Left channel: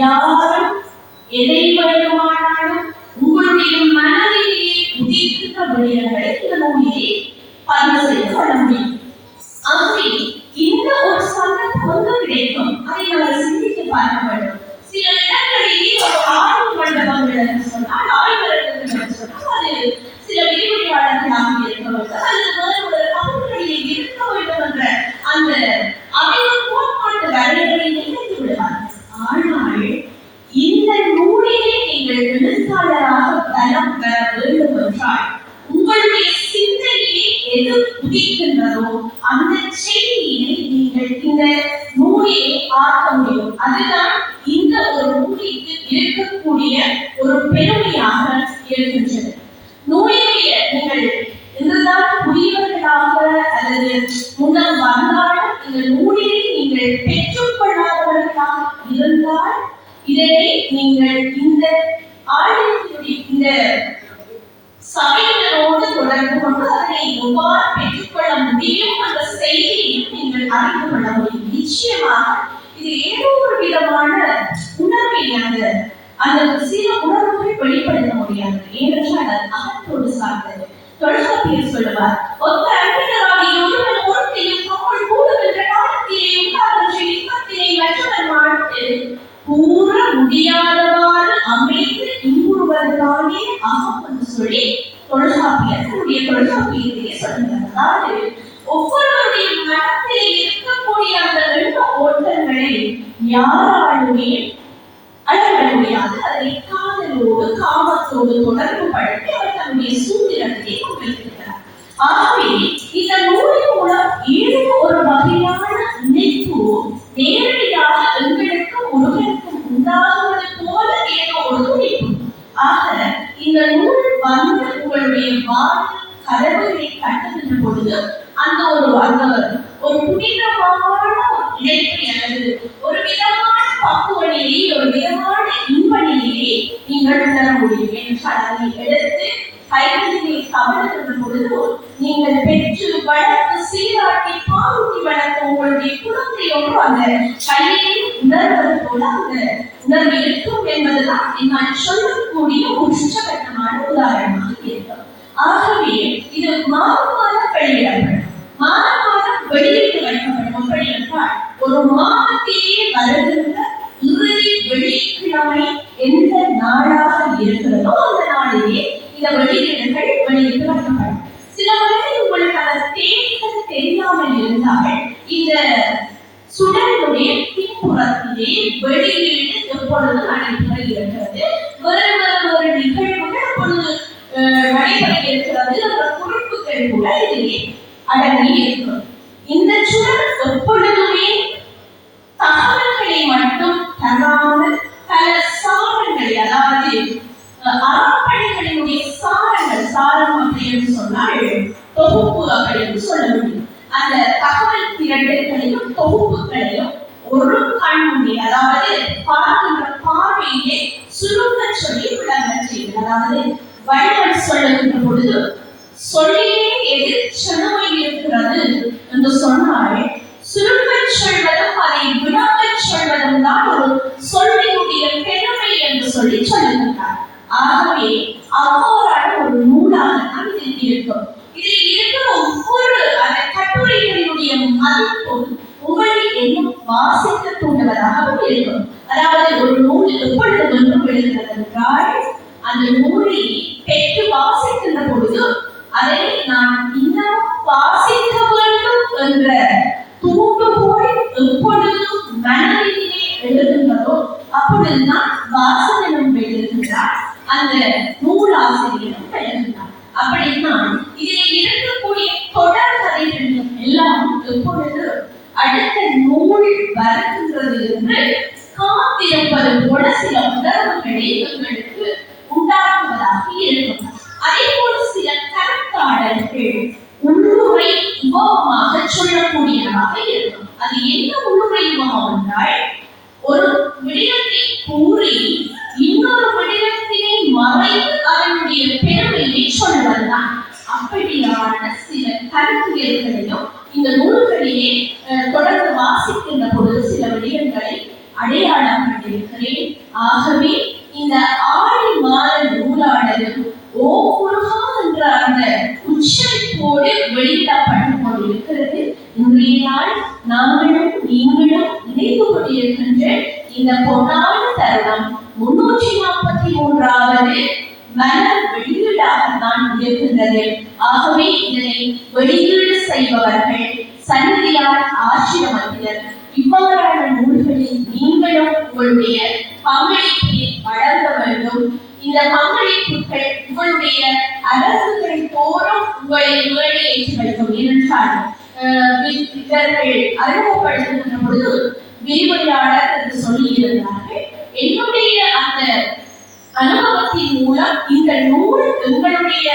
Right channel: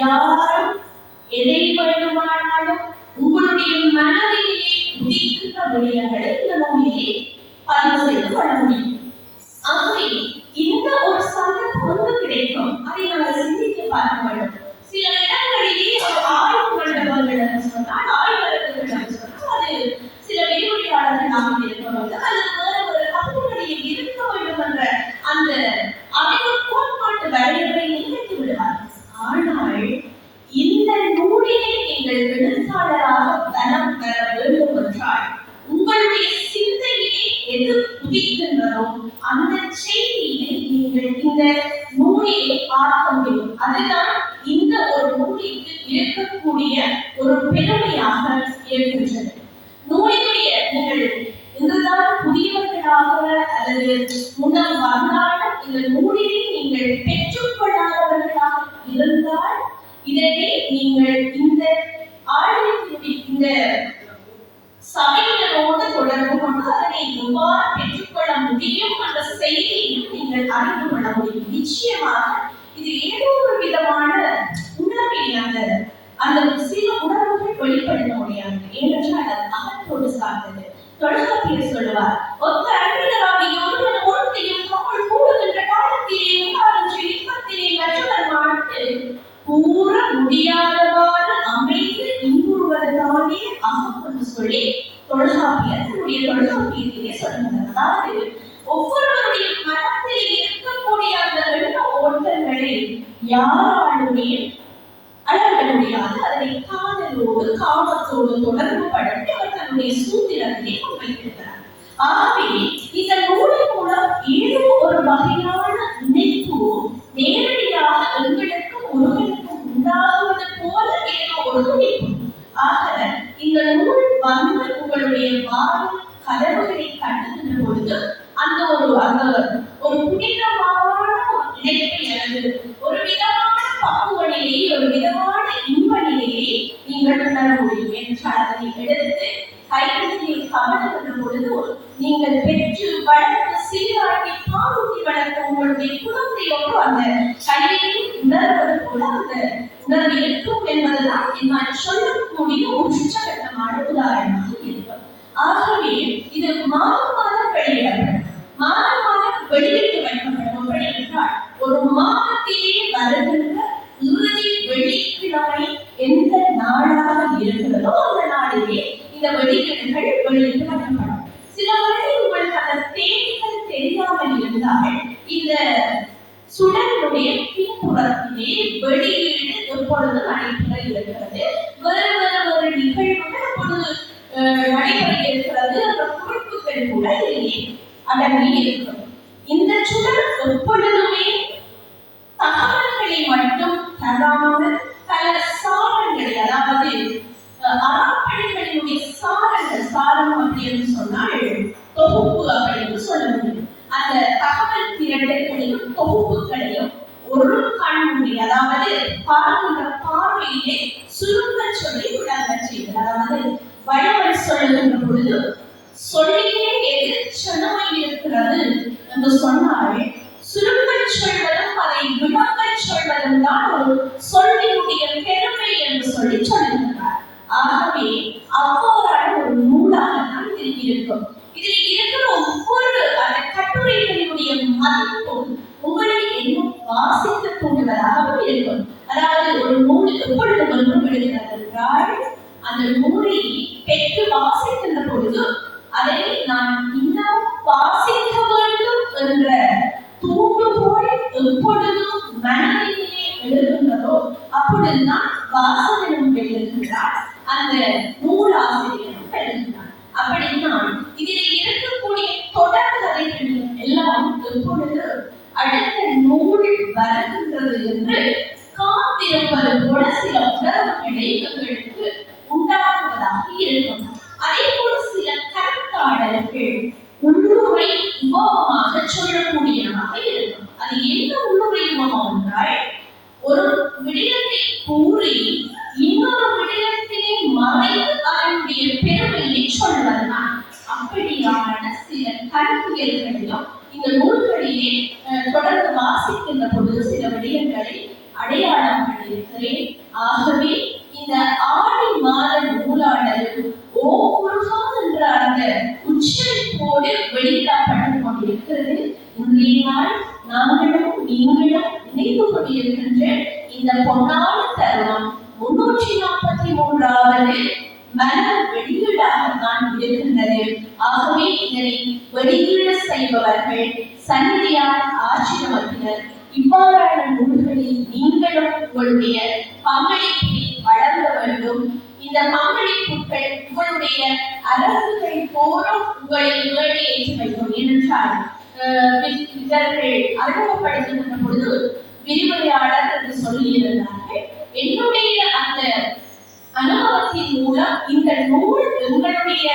யாரும் எதை வேண்டுமானாலும் உங்களுடைய மனதிலே உதிர்த்த விடயங்களை இந்த நூலிலே பதிவு செய்து கொள்ள முடியும். ஆகவே இந்த ஒரு சந்தர்ப்பம் கிடைக்கும், அதை அவர் சிந்தித்து பார்க்க வேண்டும். சில இடங்களிலே ஒரு ஆய்வு மண்டபங்கள் என்று சொன்னால், ஆய்வகங்கள் என்று சொன்னால், அது சில விரிவுரையாளர்களாக இருக்க வேண்டும் அல்லது வேறு ஒரு பகுதிகளிலே இருக்க வேண்டும் என்ற அந்த அமைப்பு கோட்பாட்டு வரையறை நினைத்து விடுவார்கள். ஆனால் இந்த நூலிலே நீங்கள் எழுத்தாளராக பலம் பெற வேண்டும் என்றால் உங்களுடைய சிந்தனையை எது உதிக்கின்றதோ அந்த செய்தியை நீங்கள் இந்த நூலிலே பார்க்க முடியும். அதுதான் இந்த ஒரு நூலிற்கு இருக்கக்கூடிய ஒரு பெருமையாக இருக்கின்றது. நூலினுடைய நீங்கள் இதுதான் புதியவர்களாக அல்லது முன்னர் வந்தாலும் இந்த நூலிலே நீங்கள் பெற்றுக்கொள்ளாதவர்களாக இருந்தால் இதனை நீங்கள் இந்த ஆலயத்தினுடைய இந்த சபையினரோடு தொடர்பு கொண்டு அதனை எவ்வாறு பெற்றுக்கொள்ள முடியும் அந்த செய்தியையும் நீங்கள் அறிந்து கொள்ள முடியும். நிச்சயமாக இது ஏதோ ஒரு விதமான உணர்வை அந்த சில உணர்வுகள் வெளிப்படுத்த முடியாது. ஏனென்றால் அது அகத்தோடு சார்ந்தது. தொல்காப்பியர் சொல்லுவார், ஒத்த அன்பினராகிய ஒருவன் ஒருத்தையும் தம்முள் கூடுகின்ற காலத்திலே உண்டாகின்ற இன்பத்தினை மற்றவர் மாட்டு கூற முடியாதவாறு அமைத்து இன்புறுவதுதானே அகம் என்று சொல்லி தொல்காப்பியர் தன்னுடைய தொல்காப்பியத்திலே சொல்லுகிறார். அதாவது ஒவ்வொருவருடைய மனத்திலே இருக்கக்கூடிய அந்த எண்ண ஓட்டங்களை யாராலுமே அளவிட முடியாது. அதனை காதலோடு காமத்தோடு தொடர்பு படுத்தி அவர் தன்னுடைய சூத்திரத்தை வைத்திருக்கிறார். ஆகவே இந்த நூலின் மூலம் ஏதோ ஒரு வகையான இணைப்பு நேரடியாக எங்களுக்கும் முருகனுக்கும் உண்டாகுவது போல ஏதோ ஒரு துடிப்பு. ஆக இந்த நூல் வந்து உங்களுடைய வாழ்வில் கதவுகளை கட்டுகின்ற பொழுது அந்த ஒரு புனிதமான இணைப்பை அல்லது ஒரு விதமான பக்குவ நிலையை, ஒரு விதமான இன்ப நிலையை நீங்கள் உணர முடியும். என்றால் அதை எடுத்து கைகளிலே கவனிக்கின்ற பொழுது நீங்கள் பெற்று வளர்த்து சீராட்டி பாலூட்டி வளர்த்த உங்களுடைய குழந்தை ஒன்று அந்த கையிலே உணர்வது போல அந்த உணர்வு இருக்கும் என்பதுதான் நான் சொல்லக்கூடிய ஒரு உச்சகட்டமான உதாரணமாக இருக்கும். ஆகவே இது மாதம் மாதம் வெளியிடப்படும், மாதம் மாதம் வெளியிட்டு வைக்கப்படும். எப்படி என்றால் ஒரு மாதத்திலே வருகின்ற இறுதி வெள்ளிக்கிழமை எந்த நாளாக இருக்கிறதோ அந்த நாளிலே இந்த வெளியீடுகள் வெளியிட்டு வைக்கப்படும். சில வேளையில் உங்களுக்கு அந்த தேதிகள் தெரியாமல் இருந்தால் இந்த சுடனுடைய பின்புறத்திலே வெளியீடு எப்பொழுது நடைபெற இருக்கிறது, வேறு நிகழ்வுகள் எப்பொழுது நடைபெற இருக்கிறது அந்த குறிப்புகள் கூட இதிலே அடங்கி இருக்கும். இந்த சுடர் எப்பொழுதுமே தகவல்களை மட்டும் தராமல் பல சாரங்களை, அதாவது அறப்பணிகளினுடைய சாரம் அப்படின்னு சொன்னால் தொகுப்பு அப்படின்னு சொல்ல முடியும். அந்த தகவல் திரட்டல்களையும் தொகுப்புகளையும் ஒரு கண்முறை, அதாவது பார்க்கின்ற பார்வையிலே சுருங்க சொல்லி விளங்க செய்வது. அதாவது வள்ளுவர் சொல்லுகின்ற பொழுது சொல்லிலே எது செழுமை இருக்கிறது என்று சொன்னால் சுருங்க சொல்வதும் அதை விளங்க சொல்வதும் தான் ஒரு சொல்லினுடைய பெருமை என்று சொல்லி சொல்லுகின்றார். ஆகவே அவ்வாறான ஒரு நூலாக தான் இது இருக்கும். இதில் இருக்கிற ஒவ்வொரு அந்த கட்டுரைகளினுடைய மதிப்பும் உங்களை இன்னும் வாசிக்க தூண்டுவதாகவும் இருக்கும். அதாவது ஒரு நூல் எப்பொழுது ஒன்று விழுகிறது என்றால் அந்த நூலை பெற்று வாசிக்கின்ற பொழுது அதை நான் இன்னும் வாசிக்க வேண்டும் என்ற தூண்டுகோல் எப்பொழுதும் மனதிலே எழுதுகிறதோ அப்பொழுதுதான் வாசகனும் எழுதுகிறார், அந்த நூலாசிரியரும் எழுதுகிறார். அப்படித்தான் இதில் இருக்கக்கூடிய தொடர் கதைகள் எல்லாம் எப்பொழுது அடுத்த நூல் வருகின்றது என்று காத்திருப்பது போல சில உணர்வுகளை எங்களுக்கு உண்டாக்குவதாக இருக்கும். அதே போல சில கருத்தாடல்கள் உள்ளுரை உபமாக சொல்லக்கூடியதாக இருக்கும். அது என்ன உள்ளுரை உபம் என்றால் ஒரு விடயத்தை கூறி இன்னொரு விடயத்தினை மறைத்து அதனுடைய பெருமையை சொல்வதுதான். அப்படியான சில கருத்தியல்களையும் இந்த நூல்களிலே தொடர்ந்து வாசிக்கின்ற பொழுது சில விடயங்களை அடையாள அடையாளம் கண்டிருக்கிறேன். ஆகவே இந்த ஆடி மாத நூலானது ஓமுருகா என்ற அந்த உச்சரிப்போடு வெளியிடப்பட்டுக் கொண்டிருக்கிறது. இன்றைய நாள் நாங்களும் நீங்களும் நினைத்து கொண்டிருக்கின்ற இந்த பொன்னான தருணம் 343வது மலர் வெளியீடாகத்தான் இருக்கின்றது. ஆகவே இதனை வெளியீடு செய்பவர்கள் சந்நிதியார் ஆசிரமத்தினர் இவ்வாறான நூல்களில் நீங்களும் உங்களுடைய பங்களிப்பை வழங்க வேண்டும். இந்த பங்களிப்புகள் உங்களுடைய அரசுகளை தோறும் உங்களை மேடையேற்றி வைக்கும். ஏனென்றால் இவர்கள் அறிமுகப்படுத்துகின்ற பொழுது விரிவுரையாளர் என்று சொல்லி இருந்தார்கள். என்னுடைய அந்த அனுபவத்தின் மூலம் இந்த நூல் எங்களுடைய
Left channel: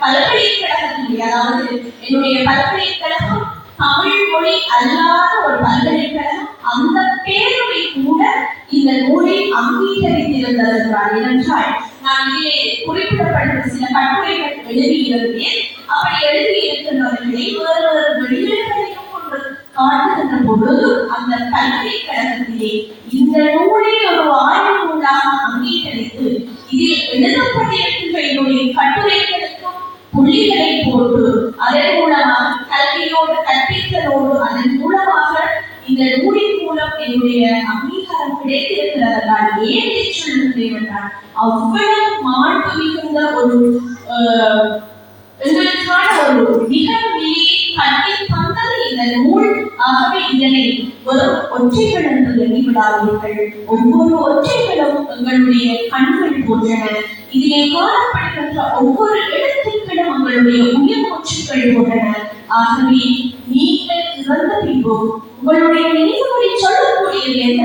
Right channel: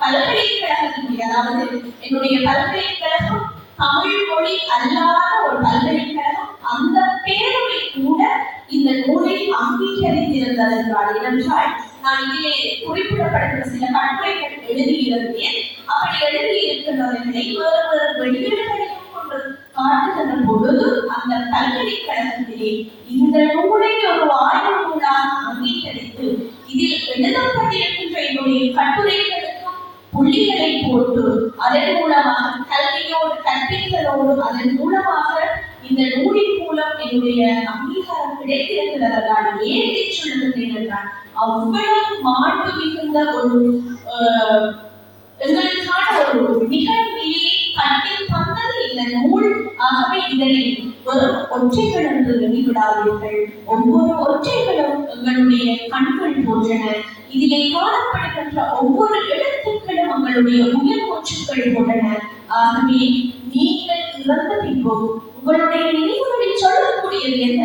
பல்கலைக்கழகத்தினுடைய, அதாவது என்னுடைய பல்கலைக்கழகம் தமிழ் மொழி அல்லாத ஒரு பல்கலைக்கழகம், அந்த பேரவை கூட இந்த நூலை அங்கீகரித்திருந்தது என்றால், ஏனென்றால் நான் இங்கே குறிப்பிடப்படுகிற சில கட்டுரைகள் எழுதியிருந்தேன். அப்படி எழுதியிருக்கின்றவர்களை வேறு வேறு வெளியீடுகளையும் கொண்டு காட்டுகின்ற பொழுது அந்த பல்கலைக்கழகத்திலே இந்த நூலை ஒரு ஆய்வு நூலாக அங்கீகரித்து இதில் எழுதப்பட்டிருக்கின்ற என்னுடைய கட்டுரைகளுக்கும் புள்ளிகளை போட்டு அதன் மூலமாக கல்வியோடு கற்பித்தலோடு அதன் மூலமாக இந்த நூலின் மூலம் என்னுடைய அங்கீகாரம் கிடைத்திருக்கிறதால் ஏன் சொல்லுகிறேன் என்றால், அவ்வளவு மாண்பு மிகுந்த ஒரு எங்களுக்கான ஒரு நிகழ்விலே கட்டி தந்தது இந்த நூல். ஆகவே இதனை வெறும் ஒற்றைகள் என்று எண்ணிவிடாதீர்கள். ஒவ்வொரு ஒற்றைகளும் எங்களுடைய கண்கள் போன்றன. இதிலே காணப்படுகின்ற ஒவ்வொரு எழுத்துக்களும் உங்களுடைய உயிர் மூச்சுக்கள் போன்றன. ஆகவே நீங்கள் இறந்த பின்பும் உங்களுடைய நினைவுகளை சொல்லக்கூடியது என்ன?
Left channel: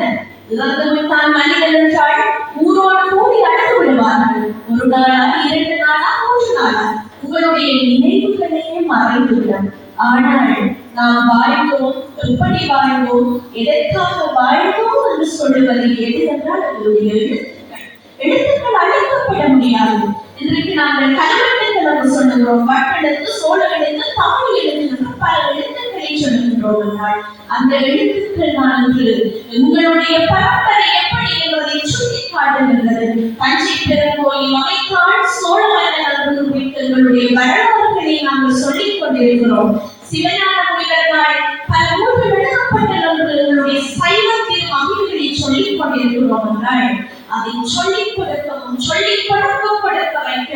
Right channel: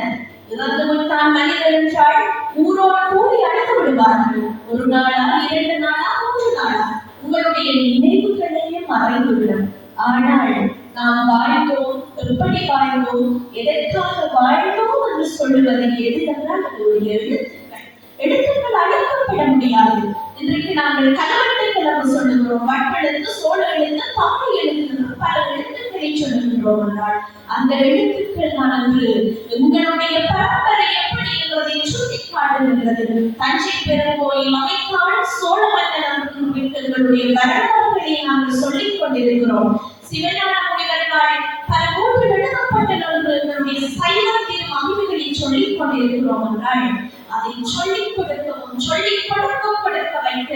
இறந்து விட்டால் மனிதன் என்றால் ஊரோடு கூடி அழைத்து விடுவார்கள். ஒரு நாளா, 2 நாளா, 3 நாளா உங்களுடைய நினைவுகளே மறைந்துவிடும். ஆனால் நாம் வாழ்ந்தோம், எப்படி வாழ்ந்தோம், எதற்காக வாழ்ந்தோம் என்று சொல்லுவது எது என்றால் அதனுடைய எழுத்துக்கள். எழுத்துக்கள் அழைக்கப்பட முடியாது. இன்றைக்கு நாங்கள் கலவெழுத்து என்று சொல்லுகிறோம். வட்டெழுத்து, சோழ எழுத்து, தமிழ் எழுத்து என்று பல எழுத்துக்களை சொல்லுகின்றோம் என்றால் அந்த எழுத்துக்கள் தான் என்று எங்களுடைய பரம்பரை எப்படி என்பதை சுட்டி காட்டுகின்றது. தஞ்சை பெருங்கோயில் அமைத்தான் சோழ மன்னன் என்று எங்களுடைய வரலாறுகளை நாங்கள் சொல்லிக் கொண்டிருக்கிறோம். சிவஞான முனிவர்களால் பல நூல்கள் எழுதப்பட்டன என்று எங்களுடைய சைவத்தின் மகிழ்களை சொல்லிக் கொண்டிருக்கிறோம் என்றால் அதை சொல்லிக் கொடுக்கவும் கொடுக்க வைக்க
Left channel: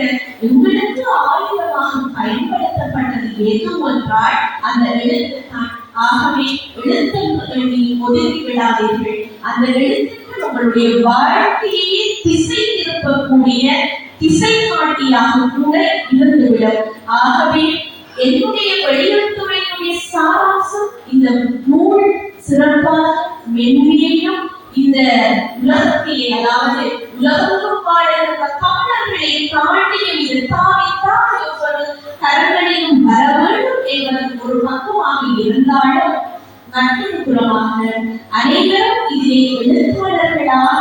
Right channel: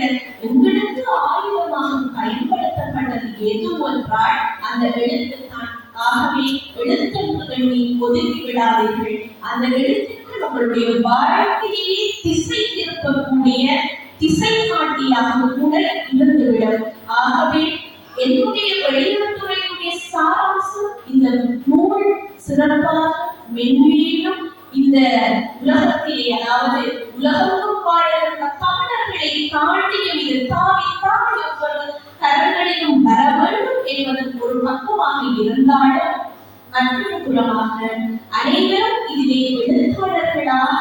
உங்களுக்கு ஆயுதமாக பயன்படுத்தப்பட்டது எது என்றால் அந்த எழுத்து தான். ஆகவே எழுத்துக்கள் நீ ஒதுக்கி விடாதீர்கள். அந்த எழுத்துக்கள் உங்களுடைய வாழ்க்கையை திசை திருப்பக்கூடிய திசை காட்டியாக கூட இருந்துவிடும். ஆகவே என்னுடைய வெளியுறவுத்துறையினுடைய சாராம்சம் இந்த நூல் சிறப்பாக மென்மையையும் இந்த உலகத்திலே, அதாவது உலகத்தும் வாழ்கிற தமிழர்களை தாண்டியும் இது தாவி ஒவ்வொரு கரங்களிலும் வர வேண்டும் என்பது ஒரு பக்கமாக இருந்தாலும், மற்றொரு புறமாக அனைவரும் இதிலே எழுத்தாளர்களாக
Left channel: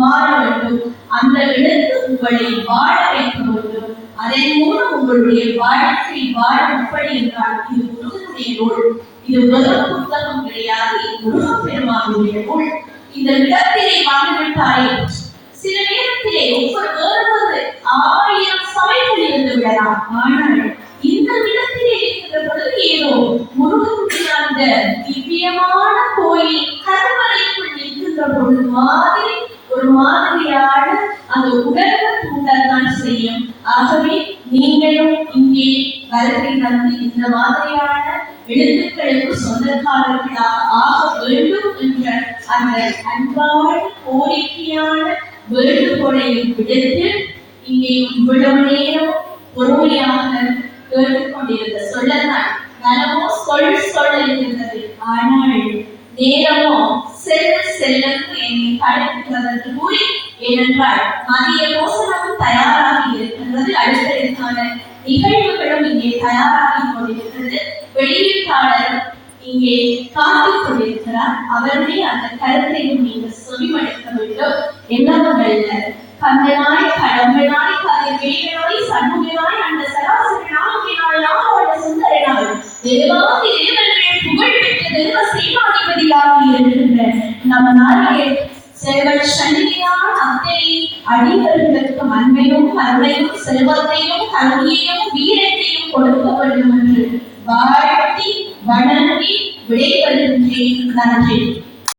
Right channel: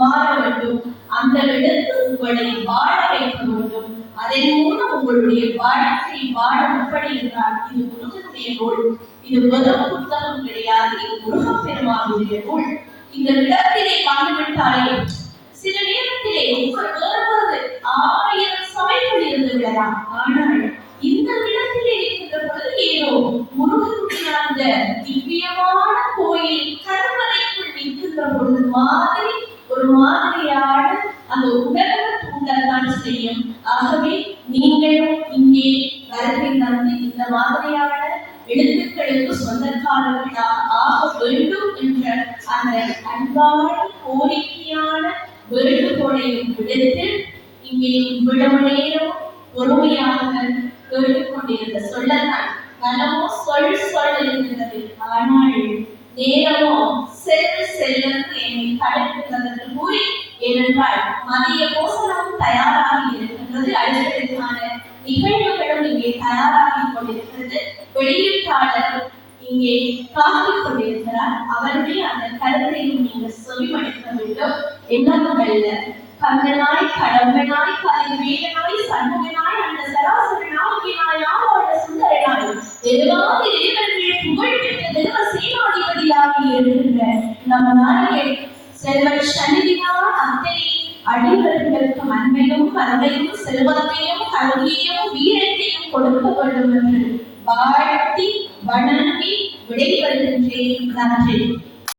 மாற வேண்டும். அந்த எழுத்து உங்களை வாழ வைக்க வேண்டும். அதன் மூலம் உங்களுடைய வாழ்க்கை வாழ எப்படி என்றால், இது முருகனுடைய நூல். இது முதல் புத்தகம் கிடையாது, முருகப் பெருமானுடைய நூல். இந்த இடத்திலே வாழ்ந்துவிட்டாலே சில நேரத்திலே ஒவ்வொரு 1000 சபைகள் இருந்து விடலாம். ஆனால் இந்த இடத்திலே இருக்கின்ற பொழுது ஏதோ முருகனுடைய அந்த திவ்யமான கோயில் கருவறைக்குள் நிற்கின்ற பொழுது மாதிரி ஒரு மாதிரியான அந்த உணர்வை தூண்டத்தான் செய்யும். ஆகவே நீங்களும் இங்கே வருகை தந்து இந்த மாதிரியான எழுத்துக்களுக்கு சொந்தக்காரர்களாக ஆக வேண்டும் என்ற அந்த அன்பான கோரிக்கையான வேண்டுகோளையும் விடுத்து இங்கே இவ்வளவு நேரம் பொறுமையாக கேட்டுக்கொண்டிருந்த சொல்லத்தான் மனமோ சொல் இருக்கின்றது. ஆனால் நேரமோ செல்லத்து என்னை தடுக்கின்றது என்று கூறி, ஏனென்றால் மதிய போசனமும் தயாராகி இருக்கின்றது. அடுத்தடுக்கான நிகழ்வுகளும் இங்கே தயாராகி கொண்டிருக்கிறது. வெளியீட்டாளர் இங்கே காத்துக் கொண்டிருக்கிறார். அவருடைய அந்த கருத்தையும் நீங்கள் செவிமடுக்க வேண்டும். என்னவல்ல கந்தனாய் கடம்பனாய் கதிர்வேலனாய் சண்முகனாய் அந்த சராசரி நாயகனாய் ஆளோட சுந்தரனாய் தேவாதி தேவர்கள் புகழ் பெற்ற தேவ சேனாதிபதியாக இருக்கின்ற நம் நாயகர் எங்கள் சந்நிதியான அத்தனை அடியவர்களுக்கு அன்பையும் அருளையும் செல்வத்தையும் கல்வியையும் வீரத்தையும் கொடுக்க வேண்டும் என்று வாழ்த்தி வணங்கி விடைபெறுகின்றேன். நன்றி.